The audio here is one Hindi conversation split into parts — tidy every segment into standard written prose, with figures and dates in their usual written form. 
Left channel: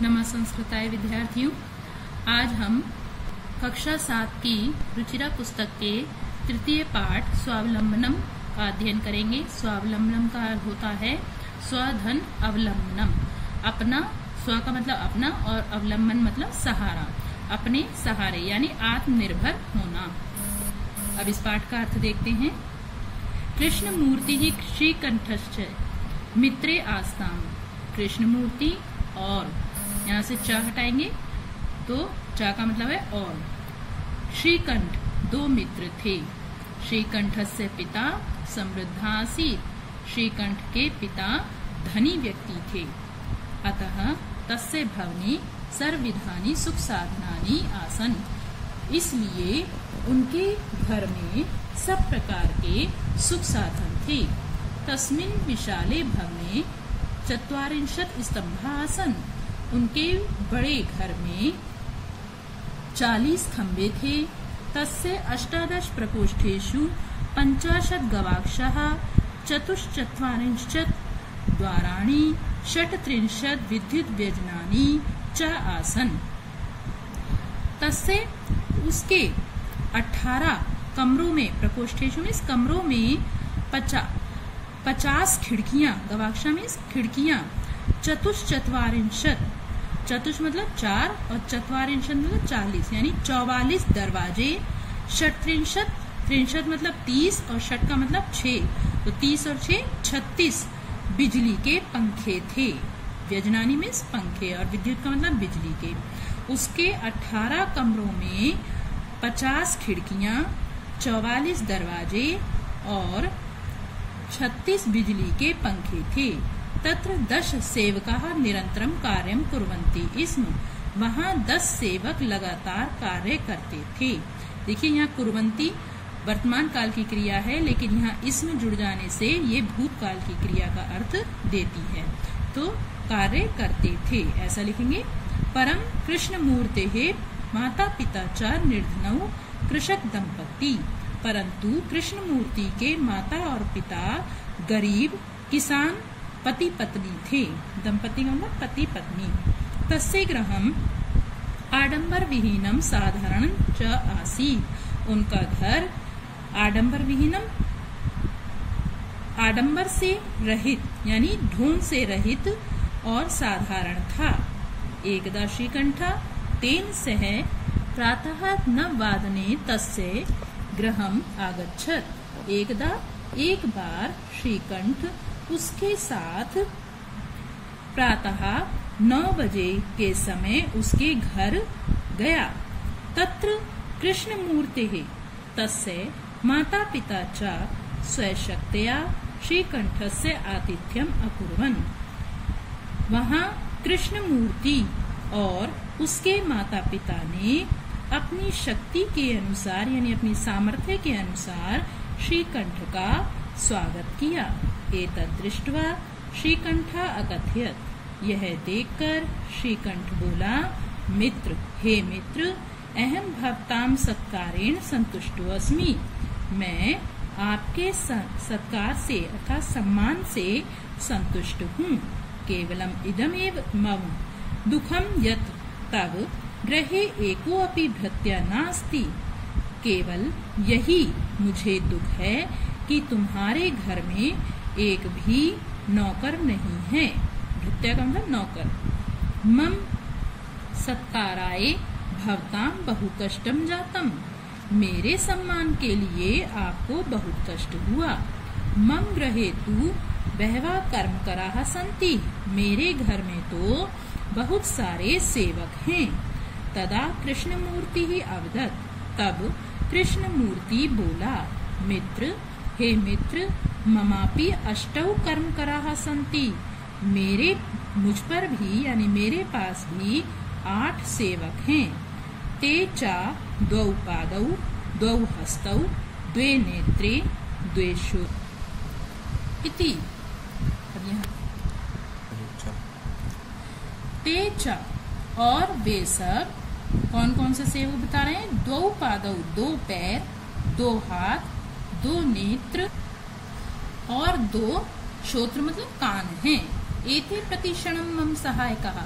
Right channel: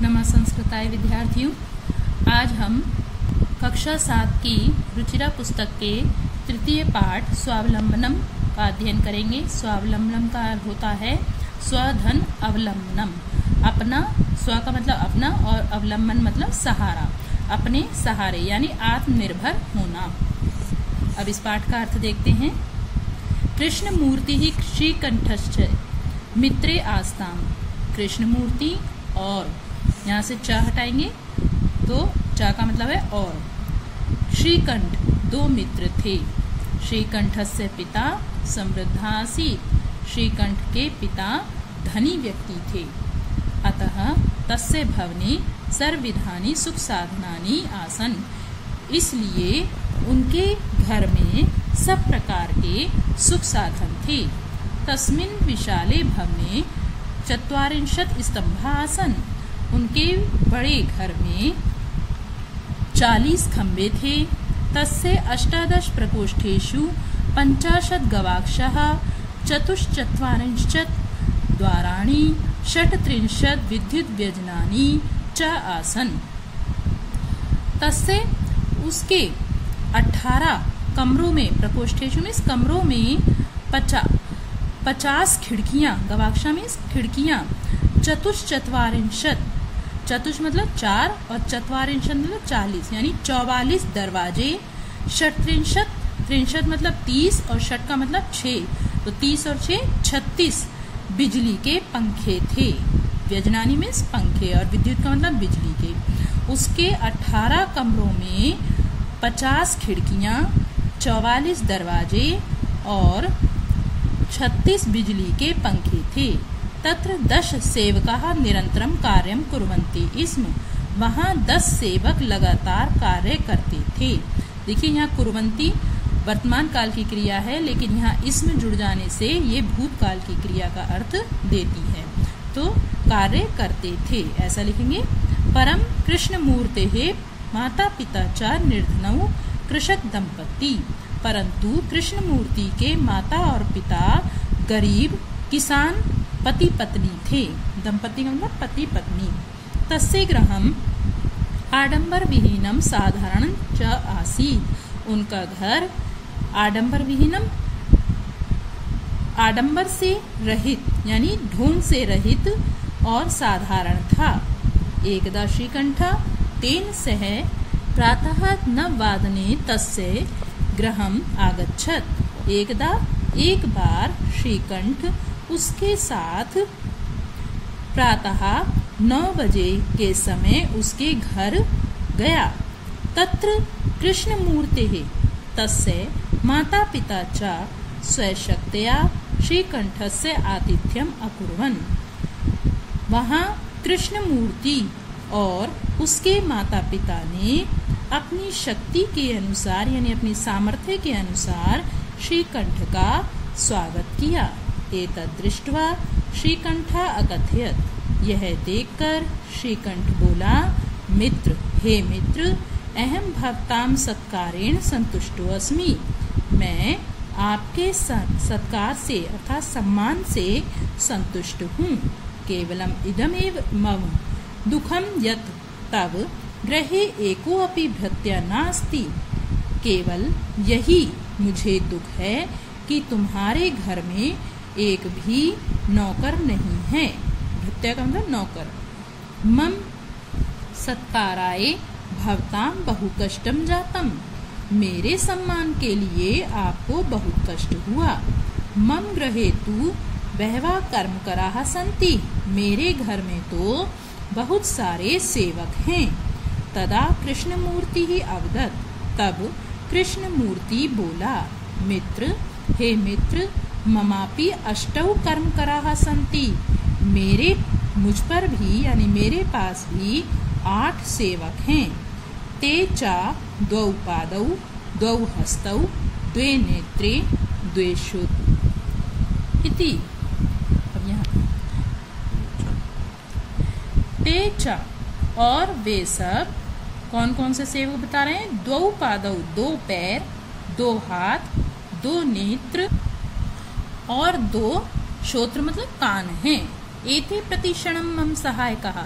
नमः संस्कृताय विद्यार्थियों, आज हम कक्षा 7 की रुचिरा पुस्तक के तृतीय पाठ स्वावलंबनम का अध्ययन करेंगे। स्वावलंबनम का अर्थ होता है स्वधन अवलंबनम। अपना, स्व का मतलब अपना और अवलंबन मतलब सहारा, अपने सहारे यानी आत्मनिर्भर होना। अब इस पाठ का अर्थ देखते हैं। कृष्ण मूर्ति ही श्रीकंठश्च मित्रे आस्ताम। कृष्ण मूर्ति और यहाँ से च हटाएंगे तो च का मतलब है और। श्रीकंठ दो मित्र थे। श्रीकंठ से पिता समृद्धासीत्। श्रीकंठ के पिता धनी व्यक्ति थे। अतः तस्य भवने सर्वविधानि सुख साधनानि आसन। इसलिए उनके घर में सब प्रकार के सुख साधन थे। तस्मिन् विशाले भवने 40 स्तंभा आसन। उनके बड़े घर में 40 खंबे थे। तस्य 18 प्रकोष्ठेषु 50 गवाक्षाः 44 द्वाराणि 36 विद्युत व्यजनानि च आसन। तस्य उसके 18 कमरों में, प्रकोष्ठेषु इस कमरों में 50 खिड़कियां, गवाक्षा में खिड़कियां, 44 चतुष मतलब 4 और 44 मतलब 40 यानी 44 दरवाजे। 33 मतलब 30 और षट का मतलब 6, तो 30 और 6 36 बिजली के पंखे थे। व्यजनानी में पंखे और विद्युत का मतलब बिजली के। उसके 18 कमरों में 50 खिड़कियां, 44 दरवाजे और 36 बिजली के पंखे थे। तत्र 10 सेवकाः निरंतरम कार्यम कुर्वन्ति। इसमें वहाँ 10 सेवक लगातार कार्य करते थे। देखिए यहाँ कुर्वन्ति वर्तमान काल की क्रिया है, लेकिन यहाँ इसमें जुड़ जाने से ये भूतकाल की क्रिया का अर्थ देती है। तो कार्य करते थे ऐसा लिखेंगे। परम कृष्ण मूर्ते माता पिता च निर्धनौ कृषक दंपति। परंतु कृष्ण मूर्ति के माता और पिता गरीब किसान पति पत्नी थे। दंपति मतलब पति पत्नी। तस्य गृहम् आडंबर विहीनम साधारण च आसीत्। उनका घर आडंबर विहीनम, आडंबर से रहित यानी ढोंग से रहित और साधारण था। एकदा श्रीकंठ तेन सह प्रातः 9 वादने तस्य गृहम् आगच्छत्। एक बार श्रीकंठ उसके साथ प्रातः 9 बजे के समय उसके घर गया। तत्र कृष्ण मूर्ते तस्य माता पिता च स्वशक्त्या श्रीकंठस्य आतिथ्यम अकुर्वन्। वहाँ कृष्ण मूर्ति और उसके माता पिता ने अपनी शक्ति के अनुसार यानी अपनी सामर्थ्य के अनुसार श्रीकंठ का स्वागत किया। एतद् दृष्ट्वा श्रीकंठ अकथयत्। यह देखकर श्रीकंठ बोला, मित्र, हे मित्र, अहम भवतां सत्कारेण संतुष्टो अस्मि। मैं आपके सत्कार से अर्थात सम्मान से संतुष्ट हूँ। केवलम इदमेव मम दुखम यत् तव गृहे एको अपि भृत्य नास्ति। केवल यही मुझे दुख है कि तुम्हारे घर में एक भी नौकर नहीं है। भृत्य का मतलब नौकर। मम सत्काराय भवतां बहु कष्टम जातम। मेरे सम्मान के लिए आपको बहुत कष्ट हुआ। मम गृहे तु बहवः कर्मकराः सन्ति। मेरे घर में तो बहुत सारे सेवक हैं। तदा कृष्णमूर्ति ही अवगत। तब कृष्णमूर्ति बोला, मित्र, हे मित्र, ममापि 8 कर्मकराः सन्ति। मुझ पर भी यानी मेरे पास भी 8 सेवक हैं। ते च 2 पादौ 2 हस्तौ 2 नेत्रे 2 इति। ते च और वे सब कौन कौन से सेवक बता रहे हैं? 2 पादौ 2 पैर, 2 हाथ, 2 नेत्र और 2 श्रोत्र मतलब कान हैं। एते प्रतिक्षणम मम सहायकः।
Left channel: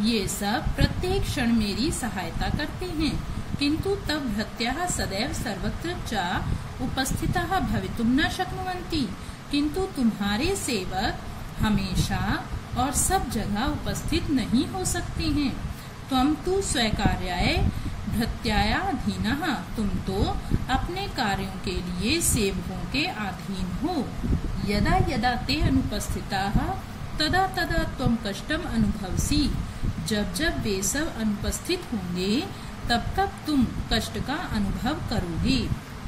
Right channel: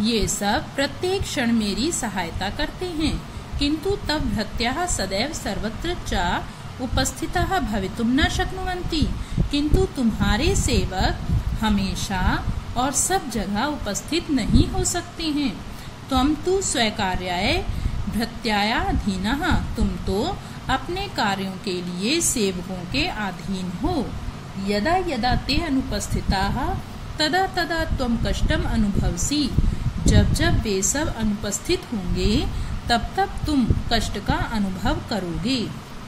ये सब प्रत्येक क्षण मेरी सहायता करते हैं, किंतु तब भृत्याः सदैव सर्वत्र च उपस्थिताः भवितुं न शक्नुवन्ति। किंतु तुम्हारे सेवक हमेशा और सब जगह उपस्थित नहीं हो सकते हैं। त्वं तु स्वकार्याय भृत्यायाधीनः, तुम तो अपने कार्यों के लिए सेवकों के अधीन हो। यदा यदा ते अनुपस्थिताः तदा तदा त्वं कष्टम अनुभवसि, जब जब वे सब अनुपस्थित होंगे तब तब तुम कष्ट का अनुभव करोगे।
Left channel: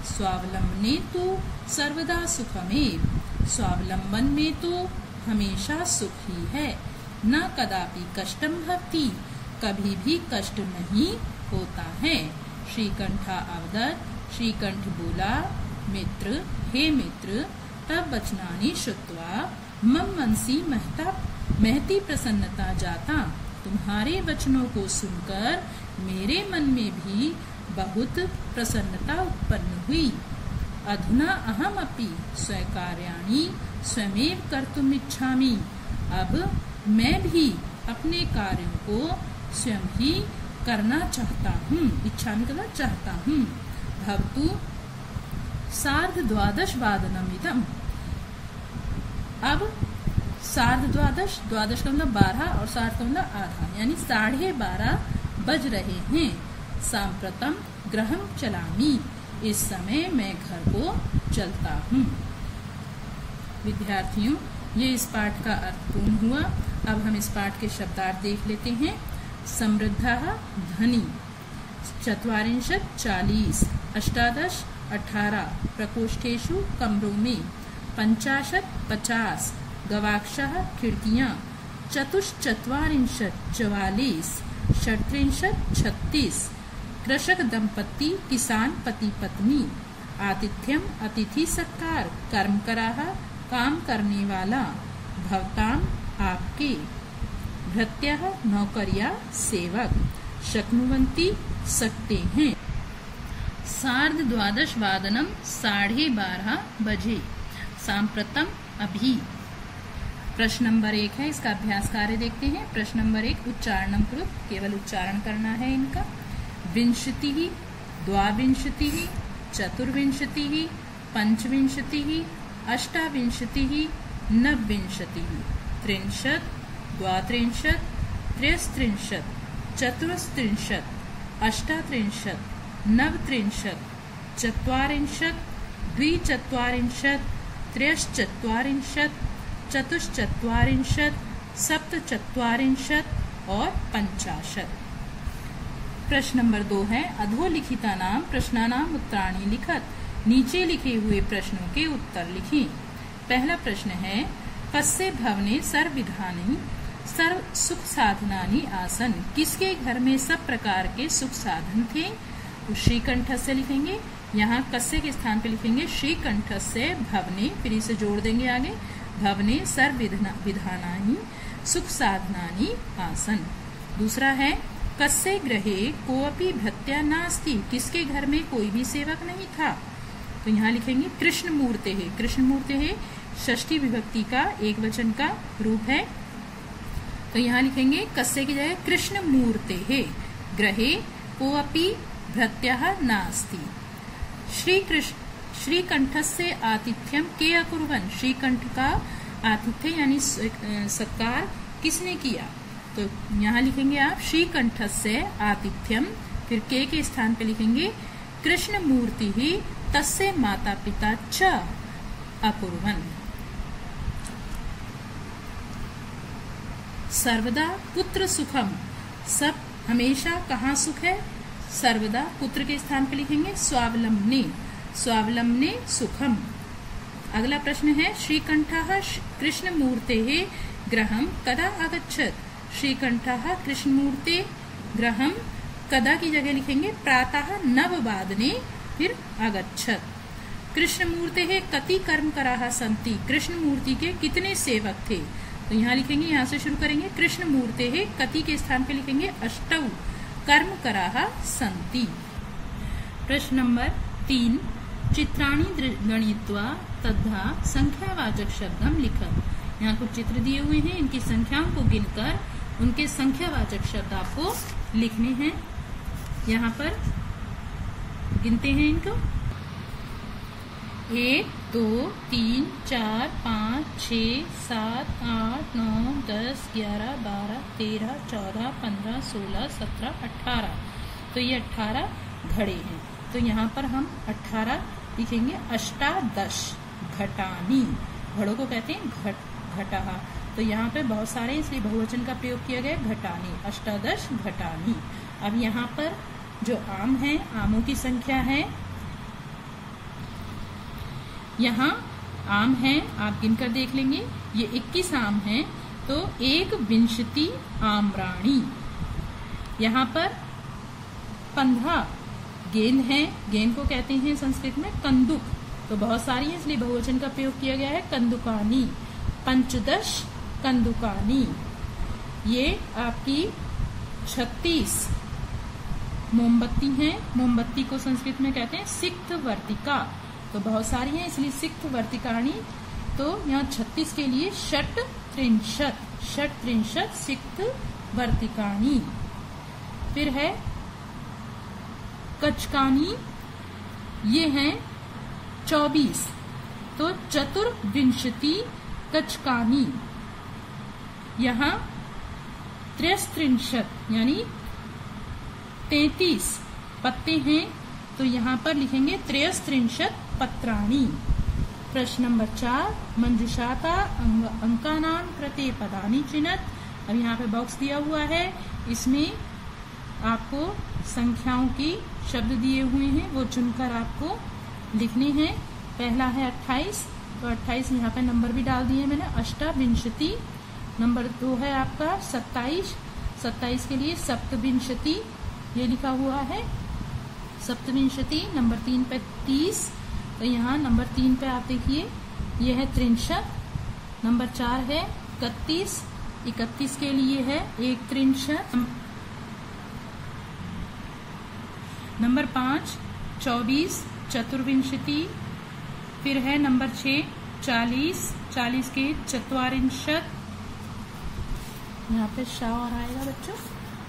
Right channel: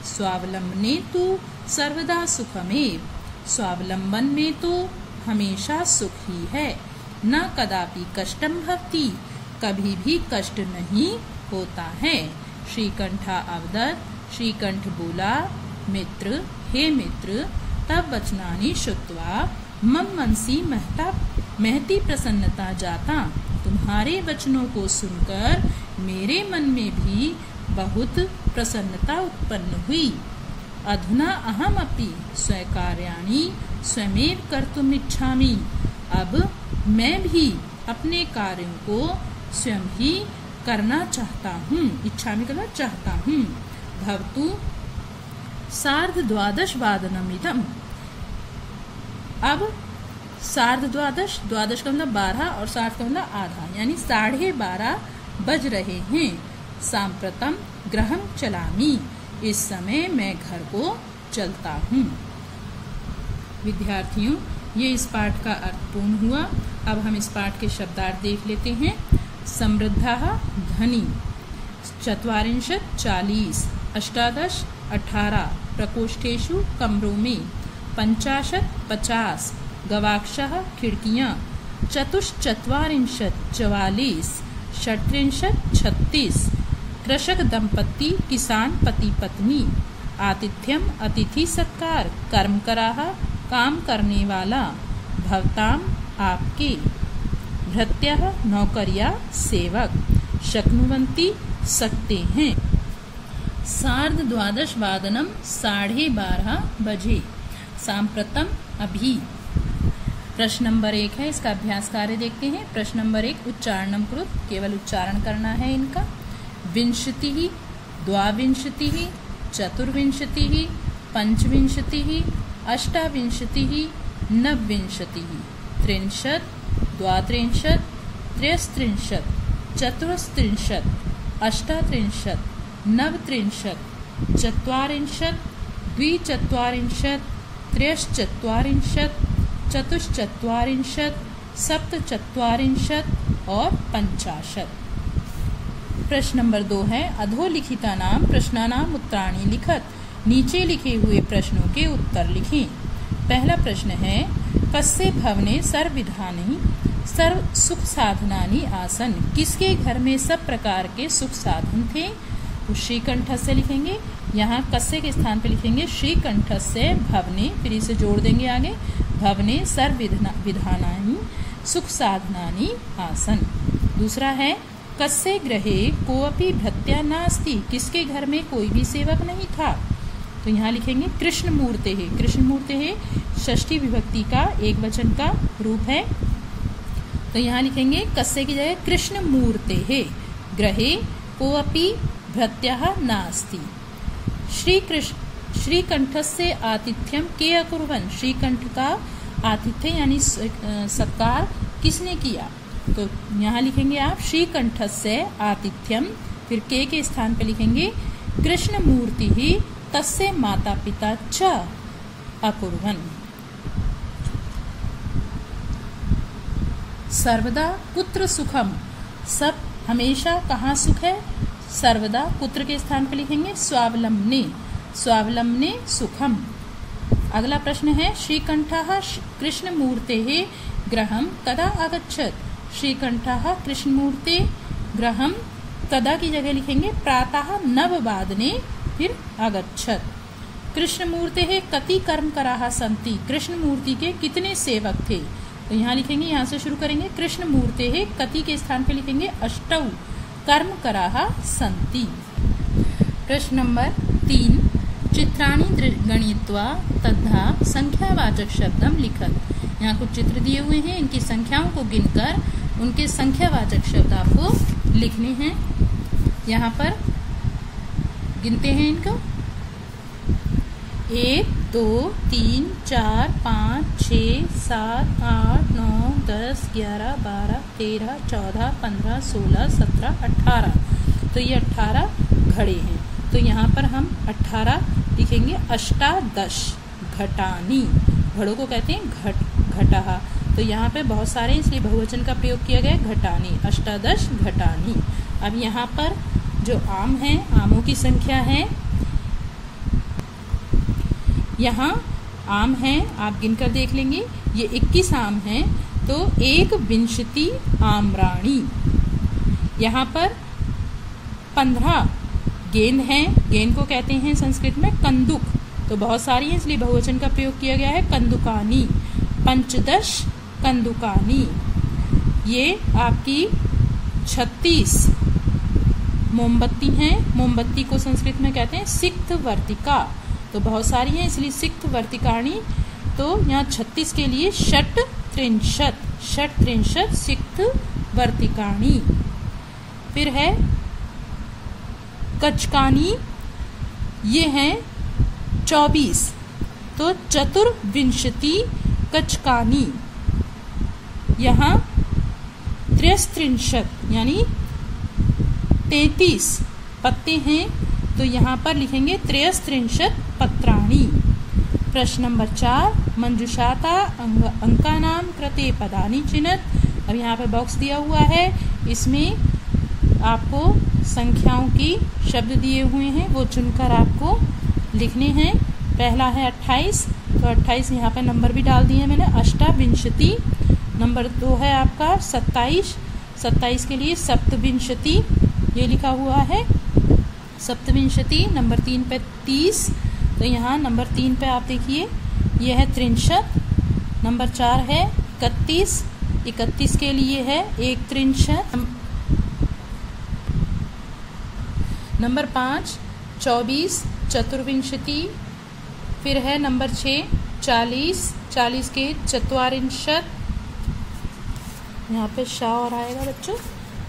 स्वावलंबने तो सर्वदा सुखमेव, स्वावलंबन में तो हमेशा सुख ही है। न कदापि कष्टम भवति, कभी भी कष्ट नहीं होता है। श्रीकंठा अवदत्, श्रीकंठ बोला, मित्र हे मित्र, तब वचनानि श्रुत्वा मम मनसि महती प्रसन्नता जाता। तुम्हारे वचनों को सुनकर मेरे मन में भी बहुत प्रसन्नता उत्पन्न हुई। अधुना अहमपि स्वकार्याणि स्वयमेव कर्तुम् इच्छामि, अब मैं भी अपने कार्यों को स्वयं ही करना चाहता हूँ। इच्छामि मतलब चाहता हूँ। भवतु 12:30 अब 12:30, द्वादश का मतलब 12 और 60 का मतलब आधा, यानी 12:30 बज रहे हैं। सांप्रतम गृहं चलामि, इस समय मैं घर को चलता हूँ। विद्यार्थियों, ये इस पाठ का अर्थ पूर्ण हुआ। अब हम इस पाठ के शब्दार्थ देख लेते हैं। समृद्धः धनी, 40 40, 18 18, प्रकोष्ठेषु कमरों में, 50 50, गवाक्षः खिड़कियां, 44 44, 37 36, कृषक दंपति किसान पति पत्नी, आतिथ्यम अतिथि सत्कार, कर्मकराः काम करने वाला, भवताम आपके, भृत्यः नौकरिया सेवक, शक्नुवन्ति सकते हैं। 12:30 12:30 बजे। सांप्रतम अभी। प्रश्न नंबर 1 है, इसका अभ्यास कार्य देखते हैं। प्रश्न नंबर 1 उच्चारणम कृत, केवल उच्चारण करना है इनका। विंशतिः, द्वाविंशतिः, चतुर्विंशतिः, पंचविंशतिः, अष्टाविंशतिः, नवविंशतिः, 30, 32, 33, 34, 38, 39, 40, 42, 43, 44, 47 और 50। प्रश्न नंबर 2 है, अधोलिखिता नाम प्रश्नानाम उत्तराणि लिखत, नीचे लिखे हुए प्रश्नों के उत्तर लिखें। पहला प्रश्न है, कस्य भवने सर्वविधानि सर्व सुख साधनानि आसन, किसके घर में सब प्रकार के सुख साधन थे? तो श्रीकंठस्य लिखेंगे, यहाँ कस्य के स्थान पे लिखेंगे श्रीकंठस्य भवने, फिर इसे जोड़ देंगे आगे, भवने सर्व विधानानि सुख साधनानि आसन। दूसरा है, कस्य गृहे कोऽपि भृत्या नास्ति, किसके घर में कोई भी सेवक नहीं था? तो यहाँ लिखेंगे कृष्णमूर्ते है, कृष्णमूर्ते है षष्ठी विभक्ति का एक वचन का रूप है। तो यहाँ लिखेंगे कस्य की जगह कृष्णमूर्ते है, गृहे कोऽपि भृत्यः नास्ति। श्रीकंठस्य आतिथ्यम के अकुर्वन्, श्रीकंठ का आतिथ्य यानी सत्कार किसने किया? तो यहाँ लिखेंगे आप श्रीकंठस्य आतिथ्यम, फिर के स्थान पे लिखेंगे कृष्णमूर्ति ही तस्य माता पिता च अकुर्वन्। सर्वदा कुत्र सुखम, सब हमेशा कहाँ सुख है? सर्वदा कुत्र के स्थान पे लिखेंगे स्वावलंबने, स्वावलंबने सुखम। अगला प्रश्न है, श्रीकंठः कृष्णमूर्तेः गृहं कदा आगच्छत्, श्रीकंठः कृष्णमूर्ते गृहं कदा की जगह लिखेंगे प्रातः 9 फिर आगच्छत्। कृष्णमूर्तेः कति कर्मकराः सन्ति, कृष्णमूर्ति के कितने सेवक थे? तो यहाँ लिखेंगे, यहाँ से शुरू करेंगे कृष्णमूर्तेः कति के स्थान पे लिखेंगे 8 कर्मकराः सन्ति। प्रश्न नंबर 3, चित्राणि गणयित्वा तद्धा संख्यावाचक शब्दम लिखत, यहाँ कुछ चित्र दिए हुए हैं, इनकी संख्याओं को गिनकर उनके संख्यावाचक शब्द आपको लिखने हैं। यहाँ पर गिनते हैं इनको। 1 2 3 4 5 6 7 8 9 10 11 12 13 14 15 16 17 18। तो ये 18 घड़े हैं। तो यहाँ पर हम 18 लिखेंगे। अष्टादश घटानी, घड़ों को कहते हैं घटाहा। तो यहाँ पे बहुत सारे इसलिए बहुवचन का प्रयोग किया गया घटानी, अष्टादश घटानी। अब यहाँ पर जो आम है, आमों की संख्या है, यहाँ आम है, आप गिनकर देख लेंगे। ये 21 आम हैं। तो 1 आम्राणी। यहाँ पर 15 गेंद है। गेंद को कहते हैं संस्कृत में कंदुक। तो बहुत सारी है इसलिए बहुवचन का प्रयोग किया गया है कंदुकानी। 15 कंदुकानी। ये आपकी 36 मोमबत्ती हैं। मोमबत्ती को संस्कृत में कहते हैं सिक्त वर्तिका। तो बहुत सारी हैं इसलिए सिक्त वर्तिकाणी। तो यहाँ 36 के लिए षट त्रिंशत सिक्त वर्तिकाणी। फिर है कचकानी, ये हैं 24। तो चतुर्विंशति कचकानी। यहाँ 33 यानी 33 पत्ते हैं। तो यहाँ पर लिखेंगे 33 पत्राणी। प्रश्न नंबर 4, मंजुषाता अंकानाम कृते पदानि चिनत। अब यहाँ पे बॉक्स दिया हुआ है, इसमें आपको संख्याओं की शब्द दिए हुए हैं, वो चुनकर आपको लिखने हैं। पहला है 28। तो 28 यहाँ पे नंबर भी डाल दिए मैंने, अष्टाविंशति। नंबर 2 है आपका 27। 27 के लिए सप्तविंशति, ये लिखा हुआ है सप्तविंशति। नंबर 3 पे 30। तो यहाँ नंबर 3 पे आप देखिए ये है 63। नंबर 4 है 31। 31 के लिए है 1 नंबर 5 24 चतुर्विंशति। फिर है नंबर 6 40। 40 के चत्वारिंशत। यहाँ पे शा और आएगा बच्चों,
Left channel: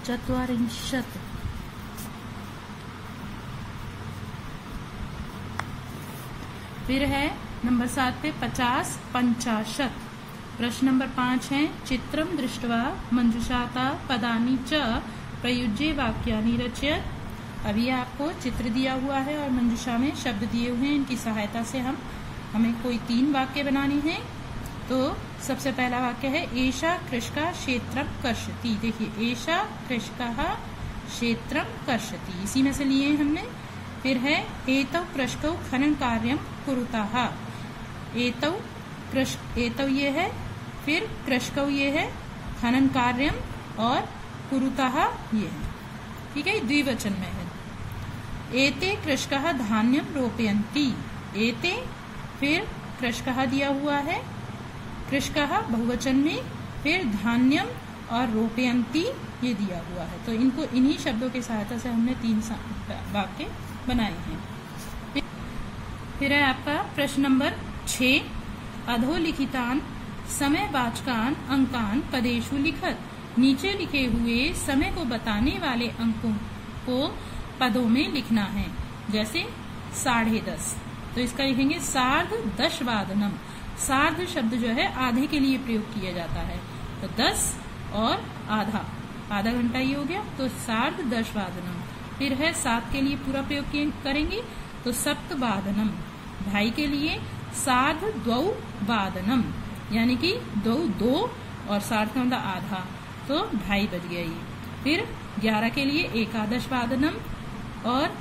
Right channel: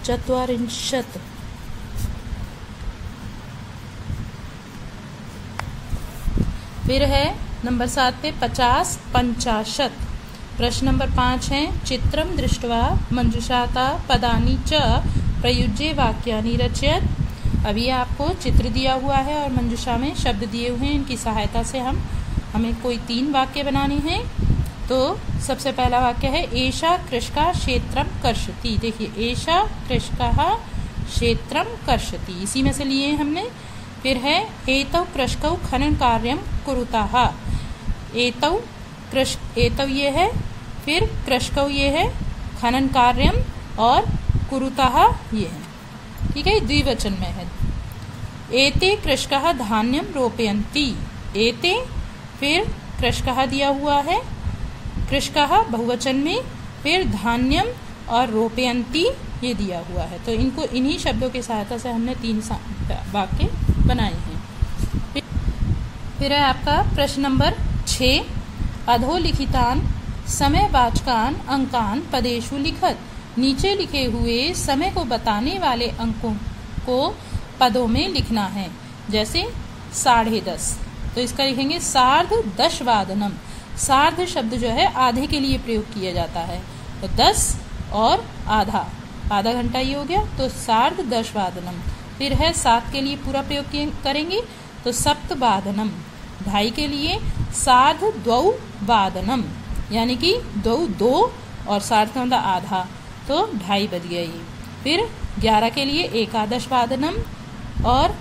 चत्वारिंशत। फिर है नंबर 7 पे 50 50। प्रश्न नंबर 5 है चित्रम दृष्ट्वा मंजुषाता पदानि च प्रयुज्य वाक्यानि रचयत। अभी आपको चित्र दिया हुआ है और मंजुषा में शब्द दिए हुए हैं, इनकी सहायता से हमें कोई 3 वाक्य बनाने हैं। तो सबसे पहला वाक्य है एषा कृषका क्षेत्रम कर्षति। देखिए एषा कृषका क्षेत्रम कर्षति, इसी में से लिए हमने। फिर है एतौ कृषकौ खनन कार्यम कुरुताः। एतौ ये है, फिर कृषकौ ये है, खनन कार्यम और कुरुताः ये है। ठीक है, द्विवचन में है। एते कृषकः धान्यम रोपयन्ति। एते, फिर कृषकः दिया हुआ है, कृषकः बहुवचन में, फिर धान्यम और रोपयन्ति ये दिया हुआ है। तो इनको इन्हीं शब्दों की सहायता से हमने 3 वाक्य बनाए हैं। फिर है आपका प्रश्न नंबर 6, अधोलिखितान समयवाचकान अंकान पदेषु लिखत। नीचे लिखे हुए समय को बताने वाले अंकों को पदों में लिखना है। जैसे 10:30, तो इसका लिखेंगे सार्ध दशवादनम। सार्ध शब्द जो है आधे के लिए प्रयोग किया जाता है। तो 10 और आधा घंटा ही हो गया, तो सार्ध दशवादनम। फिर है 7 के लिए पूरा प्रयोग करेंगे तो सप्तवादनम। 2:30 के लिए सार्ध द्वौवादनम, यानी कि 2 और सार्ध का मतलब आधा, तो 2:30 बज गया ये। फिर 11 के लिए एकादशवादनम और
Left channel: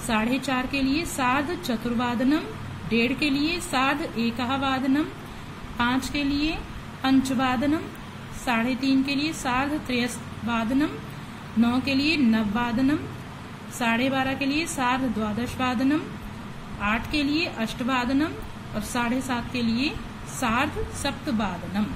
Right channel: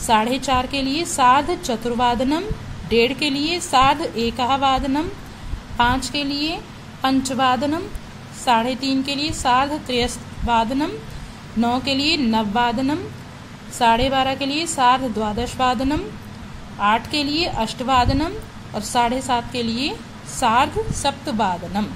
4:30 के लिए सार्ध चतुर्वादनम। 1:30 के लिए सार्ध एकवादनम। 5 के लिए पंचवादनम। 3:30 के लिए सार्ध त्रयवादनम। 9 के लिए नववादनम। 12:30 के लिए सार्ध द्वादशवादनम। 8 के लिए अष्टवादनम और 7:30 के लिए सार्ध सप्तवादनम।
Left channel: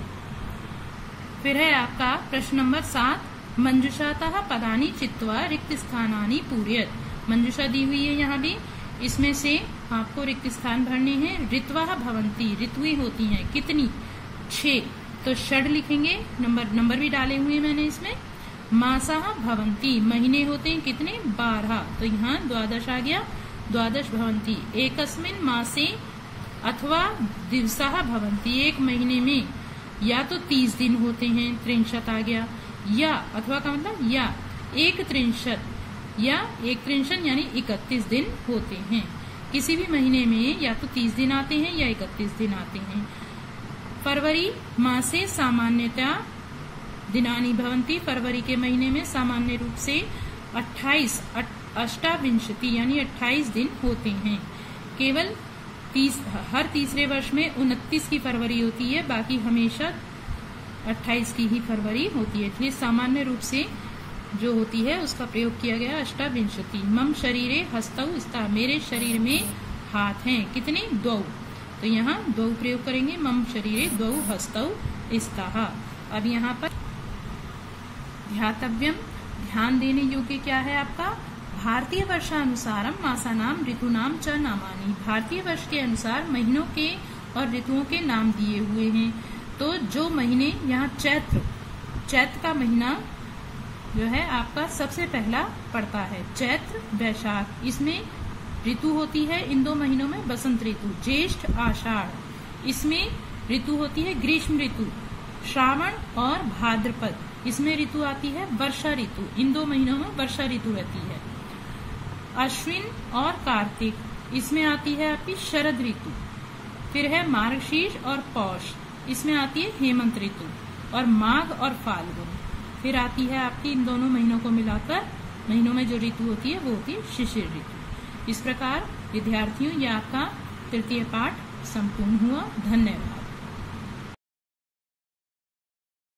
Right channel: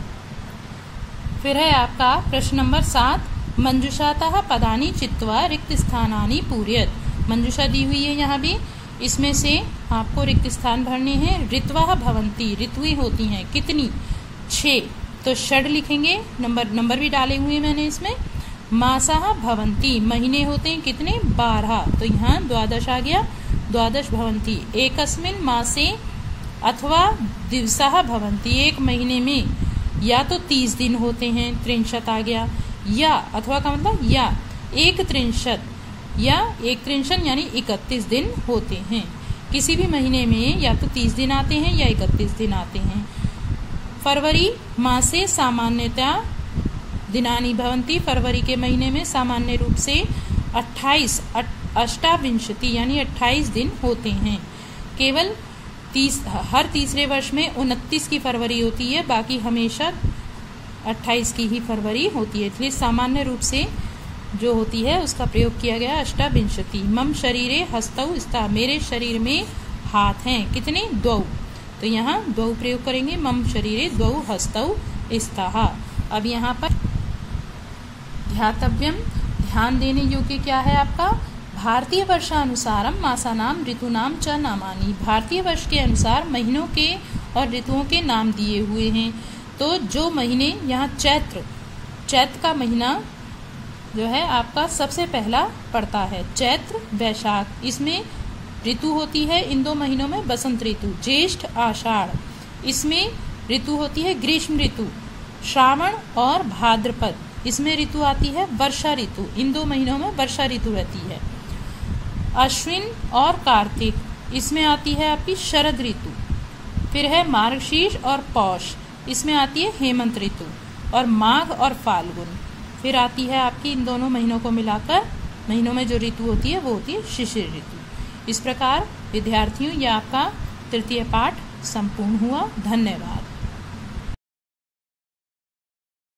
फिर है आपका प्रश्न नंबर 7, मंजुषातः पदानि चित्वा रिक्त स्थानानि पूरयत। मंजुषा दी हुई है यहाँ भी, इसमें से आपको रिक्त स्थान भरने हैं। ऋत्वः भवन्ति, ऋतुएं होती हैं कितनी? 6। तो षड लिखेंगे, नंबर भी डाले हुए मैंने इसमें। मासाः भवन्ति, महीने होते हैं कितने? 12, तो यहाँ 12 आ गया, 12 भवन्ति। एकस्मिन् मासे अथवा दिवसाः भवन्ति, एक महीने में या तो 30 दिन होते हैं, 63 आ गया, या अथवा का मतलब या 31 या 31 यानी 31 दिन होते हैं। किसी भी महीने में या तो 30 दिन आते हैं या 31 दिन आते हैं। फरवरी मासे सामान्यतया दिनानि भवन्ति, फरवरी के महीने में सामान्य रूप से 28 यानी 28 दिन होते हैं। केवल हर तीसरे वर्ष में 29 की फरवरी होती है, बाकी हमेशा 28 की ही फरवरी होती है, इसलिए सामान्य रूप से जो होती है उसका प्रयोग किया गया 28। मम शरीरे हस्तौ स्तः, मेरे शरीर में हाथ हैं कितने? 2, तो यहाँ 2 प्रयोग करेंगे। मम शरीरे 2 हस्तौ स्तः। अब यहाँ पर ध्यातव्यम, ध्यान देने योग्य क्या है आपका? भारतीय वर्षानुसारम मासानाम ऋतुनाम च नामानि, भारतीय वर्ष के अनुसार महीनों के और ऋतुओं के नाम दिए हुए हैं। तो जो महीने यहाँ चैत्र का महीना जो है आपका सबसे पहला पड़ता है, चैत्र वैशाख, इसमें ऋतु होती है इन 2 महीनों में बसंत ऋतु। ज्येष्ठ आषाढ़, इसमें ऋतु होती है ग्रीष्म ऋतु। श्रावण और भाद्रपद, इसमें ऋतु आती है वर्षा ऋतु, इन 2 महीनों में वर्षा ऋतु रहती है। अश्विन और कार्तिक, इसमें आती है आपकी शरद ऋतु। फिर है मार्गशीर्ष और पौष, इसमें आती है हेमंत ऋतु। और माघ और फाल्गुन, फिर आती है आपकी इन दोनों महीनों को मिलाकर महीनों में जो ऋतु होती है वो होती है शिशिर ऋतु। इस प्रकार विद्यार्थियों, यह आपका तृतीय पाठ संपूर्ण हुआ। धन्यवाद।